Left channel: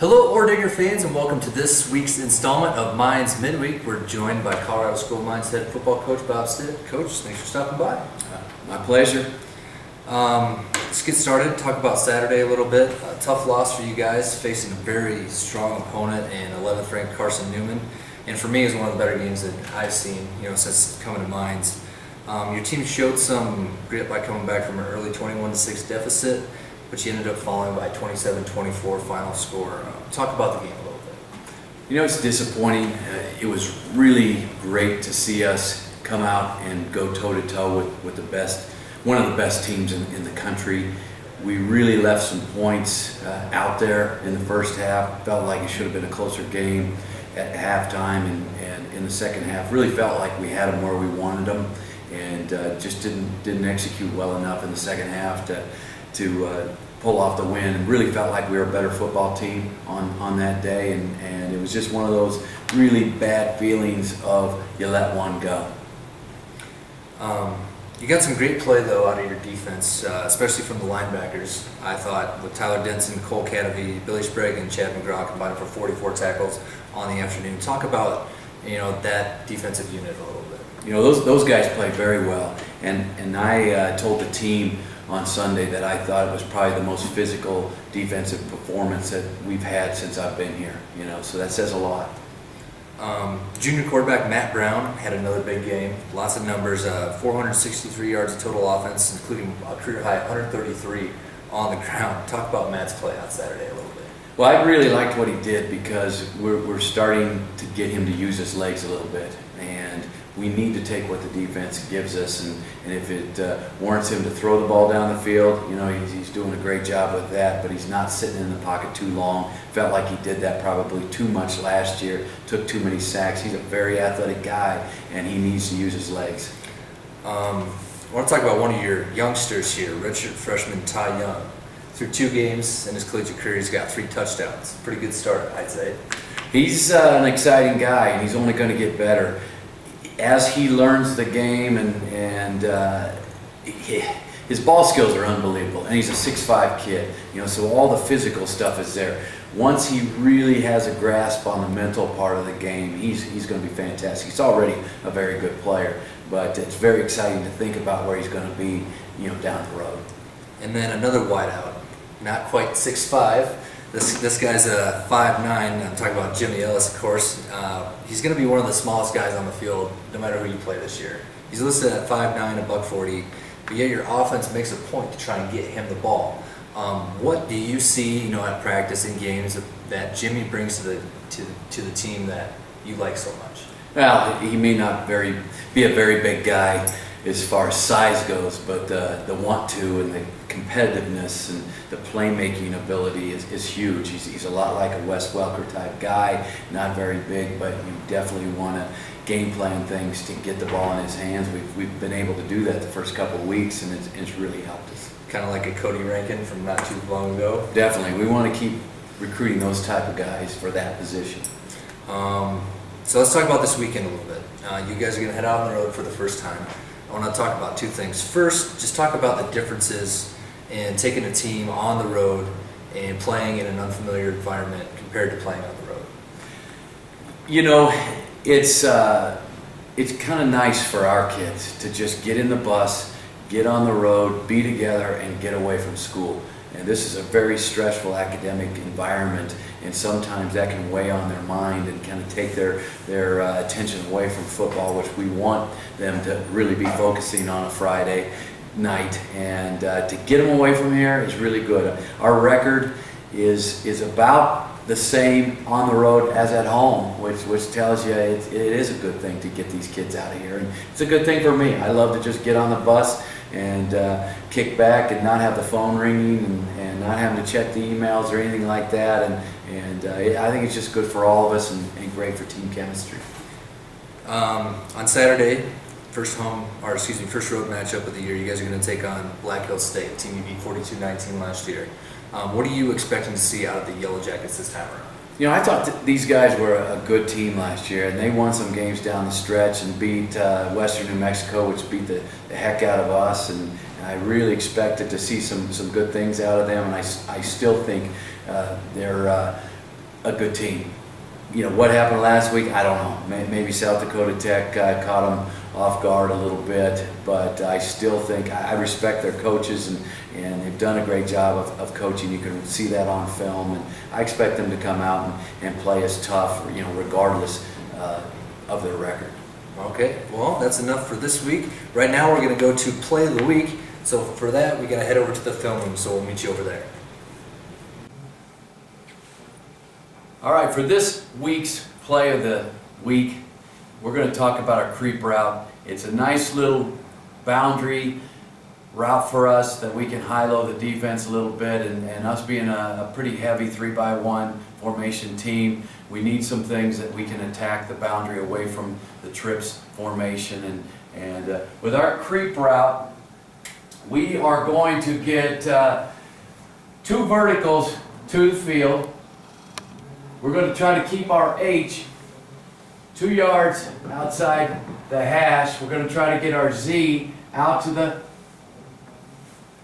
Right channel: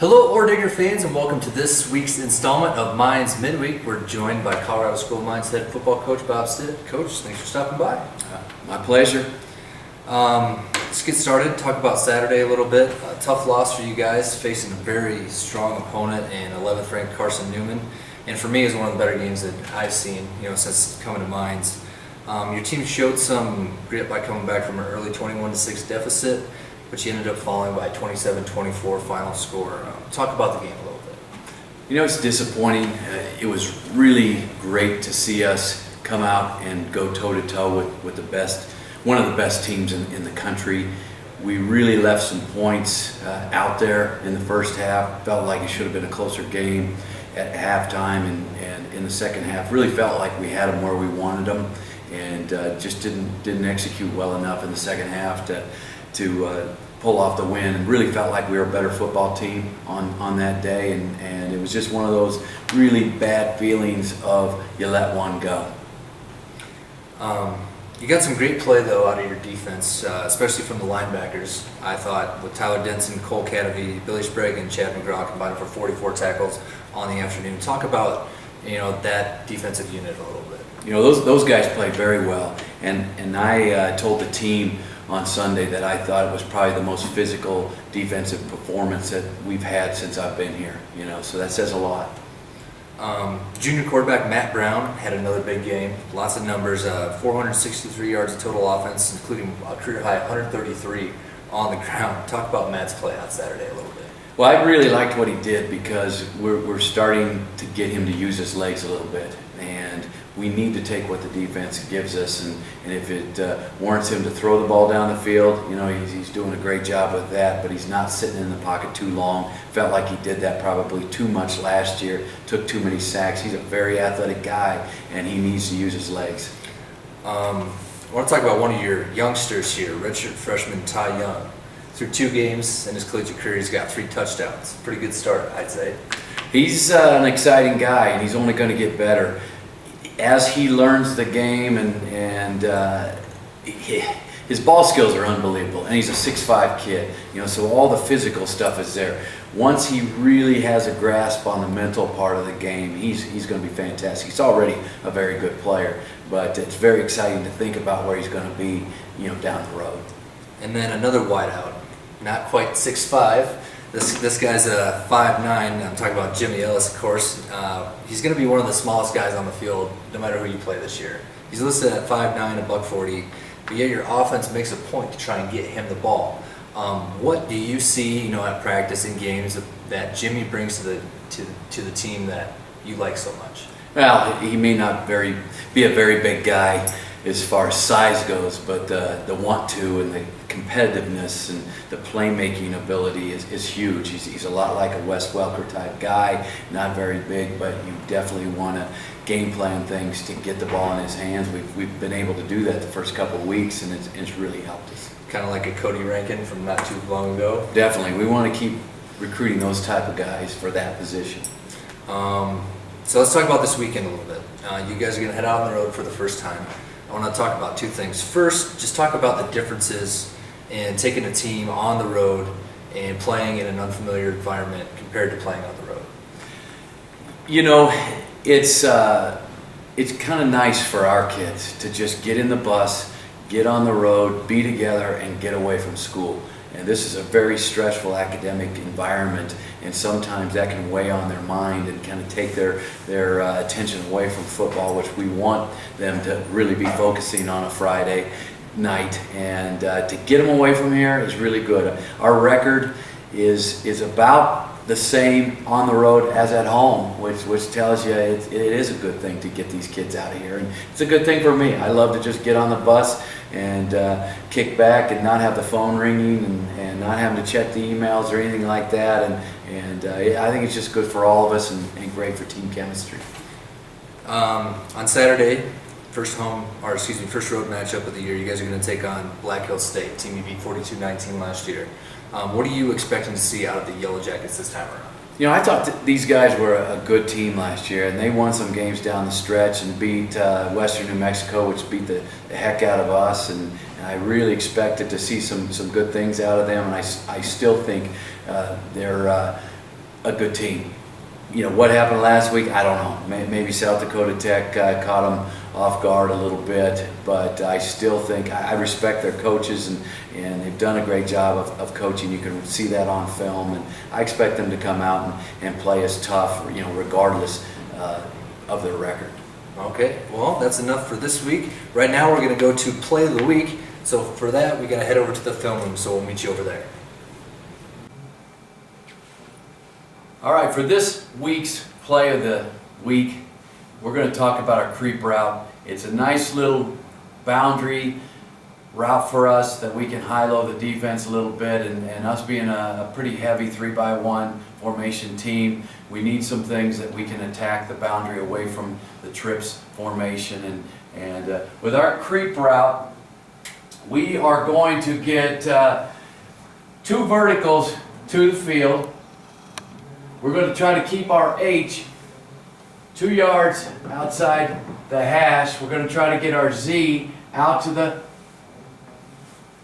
Hello, Digger fans, and welcome to this week's installment of Mines MidWeek. We're joined by Colorado School Mines head football coach Bob Stitt. Coach, thanks for stopping by. My pleasure. Let's get started. Talk about Saturday a little bit. A tough loss for you guys, facing a very strong opponent in 11th ranked Carson Newman. And for me, it's one of the better games that I've seen, since coming to Mines. Your team showed some grit by coming back from an early 21-6 deficit, but you ended up falling by 27-24 final score. Talk about the game a little bit. It's disappointing. It was really great to see us come out and go toe-to-toe with the best, one of the best teams in the country. We really left some points out there in the first half. Felt like it should have been a closer game at halftime, and in the second half really felt like we had them where we wanted them, and just didn't execute well enough in the second half to pull off the win, and really felt like we were a better football team on that day, and it was just one of those really bad feelings of you let one go. You got some great play, though, out of your defense, especially from the linebackers. I thought with Tyler Denson, Cole Catavy, Billy Sprague, and Chad McGraw combined for 44 tackles on the afternoon. Talk about that defensive unit a little bit. Those guys played very well, and I told the team on Sunday that I thought it was probably the most physical defensive performance that we've had since I've been here. So that says a lot. Junior quarterback Matt Brown had another big game. Lots of numbers, 463 yards of total offense, including a career high 133 on the ground. Talk about Matt's play on Saturday a little bit. Well, I really liked what he did because we're starting to get him to use his legs a little bit, and we need to take what the defense gives us, and if it warrants him to throw the ball down the field, he's doing a great job with that, but he's not sitting in the pocket too long. Felt like he did that probably too much last year, took too many sacks. He's a very athletic guy, and he needs to use his legs. I want to talk about one of your youngsters here, redshirt freshman Ty Young. Through 2 games in his collegiate career, he's got 3 touchdowns. Pretty good start, I'd say. He's an exciting guy, and he's only going to get better as he learns the game, and his ball skills are unbelievable, and he's a 6'5" kid, so all the physical stuff is there. Once he really has a grasp on the mental part of the game, he's going to be fantastic. He's already a very good player, but it's very exciting to think about where he's going to be, down the road. And then another wideout, not quite 6'5". This guy's a 5'9". I'm talking about Jimmy Ellis, of course. He's going to be one of the smallest guys on the field, no matter who you play this year. He's listed at 5'9", $140, but yet your offense makes a point to try and get him the ball. What do you see, at practice and games that Jimmy brings to the team that you like so much? Well, he may not be a very big guy as far as size goes, but the want to and the competitiveness and the playmaking ability is huge. He's a lot like a Wes Welker type guy, not very big, but you definitely want to game plan things to get the ball in his hands. We've been able to do that the first couple of weeks, and it's really helped us. Kind of like a Cody Rankin from not too long ago. Definitely. We want to keep recruiting those type of guys for that position. So let's talk about this weekend a little bit. You guys are going to head out on the road for the first time. I want to talk about 2 things. First, just talk about the differences in taking a team on the road and playing in an unfamiliar environment compared to playing on the road. It's kind of nice for our kids to just get in the bus, get on the road, be together, and get away from school. And this is a very stressful academic environment, and sometimes that can weigh on their mind and kind of take their attention away from football, which we want them to really be focusing on a Friday night. And to get them away from here is really good. Our record is about the same on the road as at home, which tells you it is a good thing to get these kids out of here. And it's a good thing for me. I love to just get on the bus and kick back and not have the phone ringing and not having to check the emails or anything like that. And I think it's just good for all of us and great for team chemistry. On Saturday, first road matchup of the year, you guys are going to take on Black Hills State, team you beat 42-19 last year. What are you expecting to see out of the Yellow Jackets this time around? I thought these guys were a good team last year, and they won some games down the stretch and beat Western New Mexico, which beat the heck out of us. And I really expected to see some good things out of them, and I still think they're a good team. You know, what happened last week, I don't know. Maybe South Dakota Tech caught them off guard a little bit, but I still think I respect their coaches, and they've done a great job of coaching. You can see that on film, and I expect them to come out and play as tough, you know, regardless of their record. Okay, well, that's enough for this week. Right now we're going to go to Play of the Week. So for that, we got to head over to the film room, so we'll meet you over there. All right, for this week's Play of the Week, we're going to talk about our creep route. It's a nice little boundary route for us that we can high-low the defense a little bit, and us being a pretty heavy 3-by-1 formation team, we need some things that we can attack the boundary away from the trips formation. And with our creep route, we are going to get 2 verticals to the field. We're going to try to keep our H 2 yards outside the hash. We're going to try to get our Z out to the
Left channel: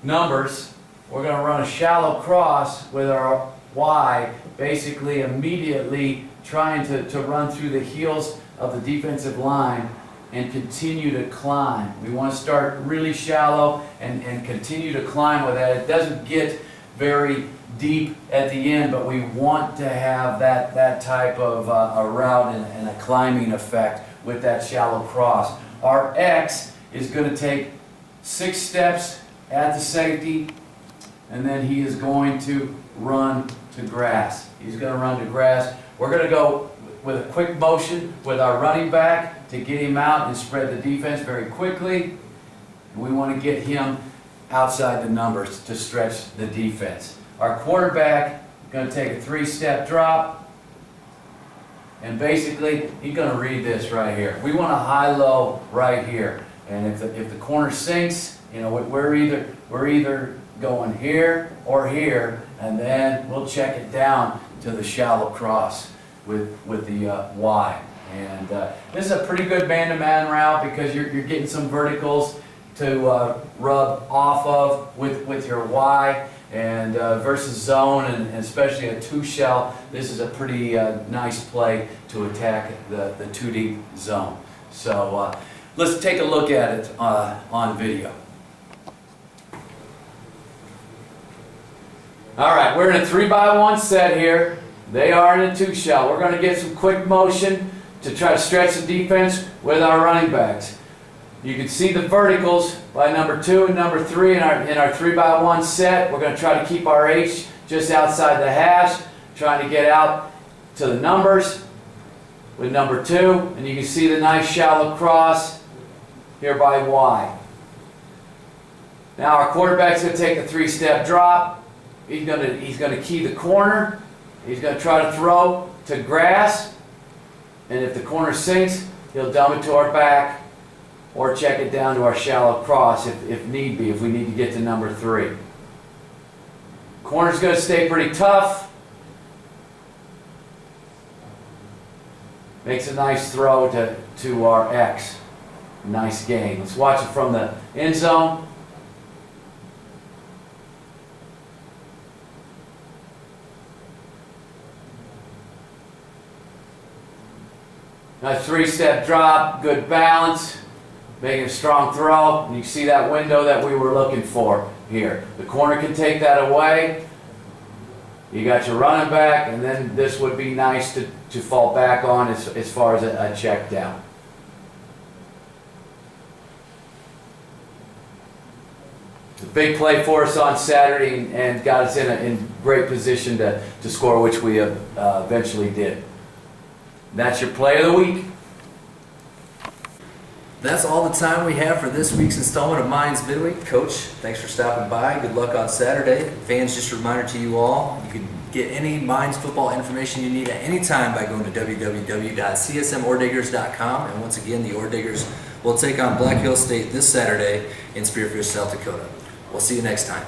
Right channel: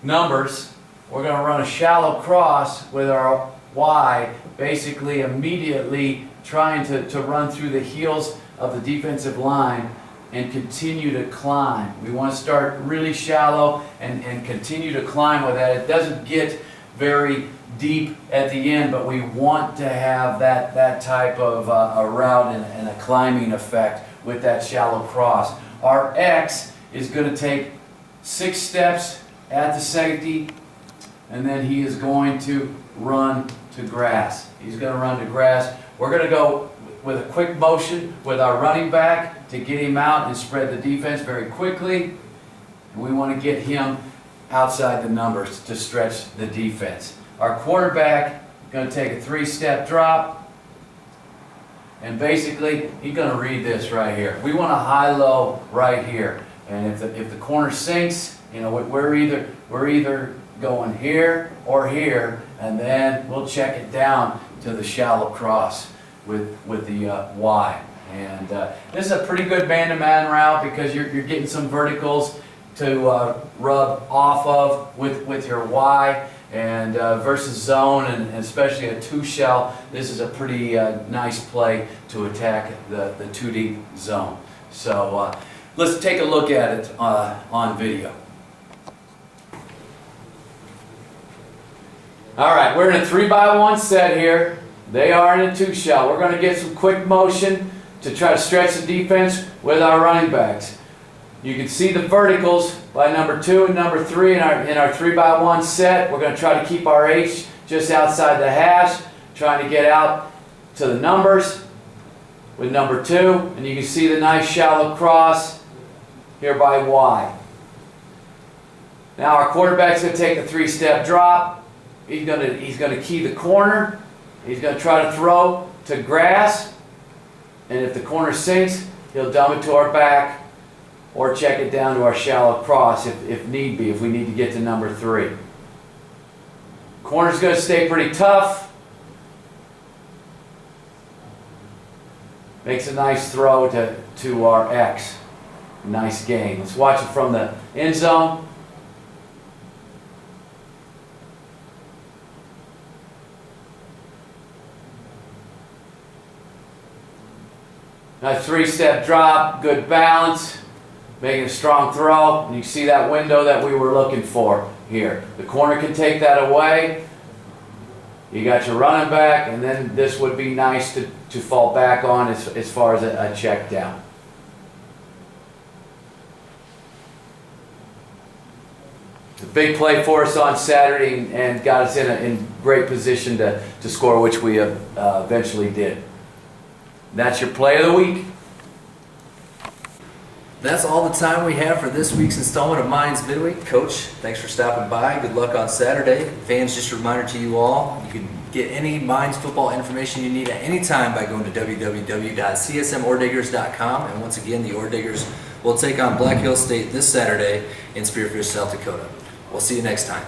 numbers. We're going to run a shallow cross with our Y, basically immediately trying to run through the heels of the defensive line and continue to climb. We want to start really shallow and continue to climb with that. It doesn't get very deep at the end, but we want to have that type of a route and a climbing effect with that shallow cross. Our X is going to take 6 steps at the safety, and then he is going to run to grass. He's going to run to grass. We're going to go with a quick motion with our running back to get him out and spread the defense very quickly. And we want to get him outside the numbers to stretch the defense. Our quarterback is going to take a 3-step drop, and basically he's going to read this right here. We want a high-low right here, and if the corner sinks, you know, we're either going here or here, and then we'll check it down to the shallow cross with the Y. And this is a pretty good man-to-man route because you're getting some verticals to rub off of with your Y. And versus zone, and especially a 2-shell, this is a pretty nice play to attack the 2-deep zone. So let's take a look at it on video. All right, we're in a 3-by-1 set here. They are in a 2-shell. We're going to get some quick motion to try to stretch the defense with our running backs. You can see the verticals by number 2 and number 3 in our 3-by-1 set. We're going to try to keep our H just outside the hash, trying to get out to the numbers with number 2. And you can see the nice shallow cross here by Y. Now our quarterback's going to take a 3-step drop. He's going to key the corner. He's going to try to throw to grass. And if the corner sinks, he'll dump it to our back, or check it down to our shallow cross if need be, if we need to get to number 3. Corner's going to stay pretty tough. Makes a nice throw to our X. Nice gain. Let's watch it from the end zone. Nice 3-step drop, good balance. Making a strong throw, and you can see that window that we were looking for here. The corner can take that away. You got your running back, and then this would be nice to fall back on as far as a check down. It's a big play for us on Saturday and got us in great position to score, which we eventually did. And that's your play of the week. That's all the time we have for this week's installment of Mines MidWeek. Coach, thanks for stopping by. Good luck on Saturday. Fans, just a reminder to you all, you can get any Mines football information you need at any time by going to www.csmorediggers.com. And once again, the Ore Diggers will take on Black Hill State this Saturday in Spearfish, South Dakota. We'll see you next time.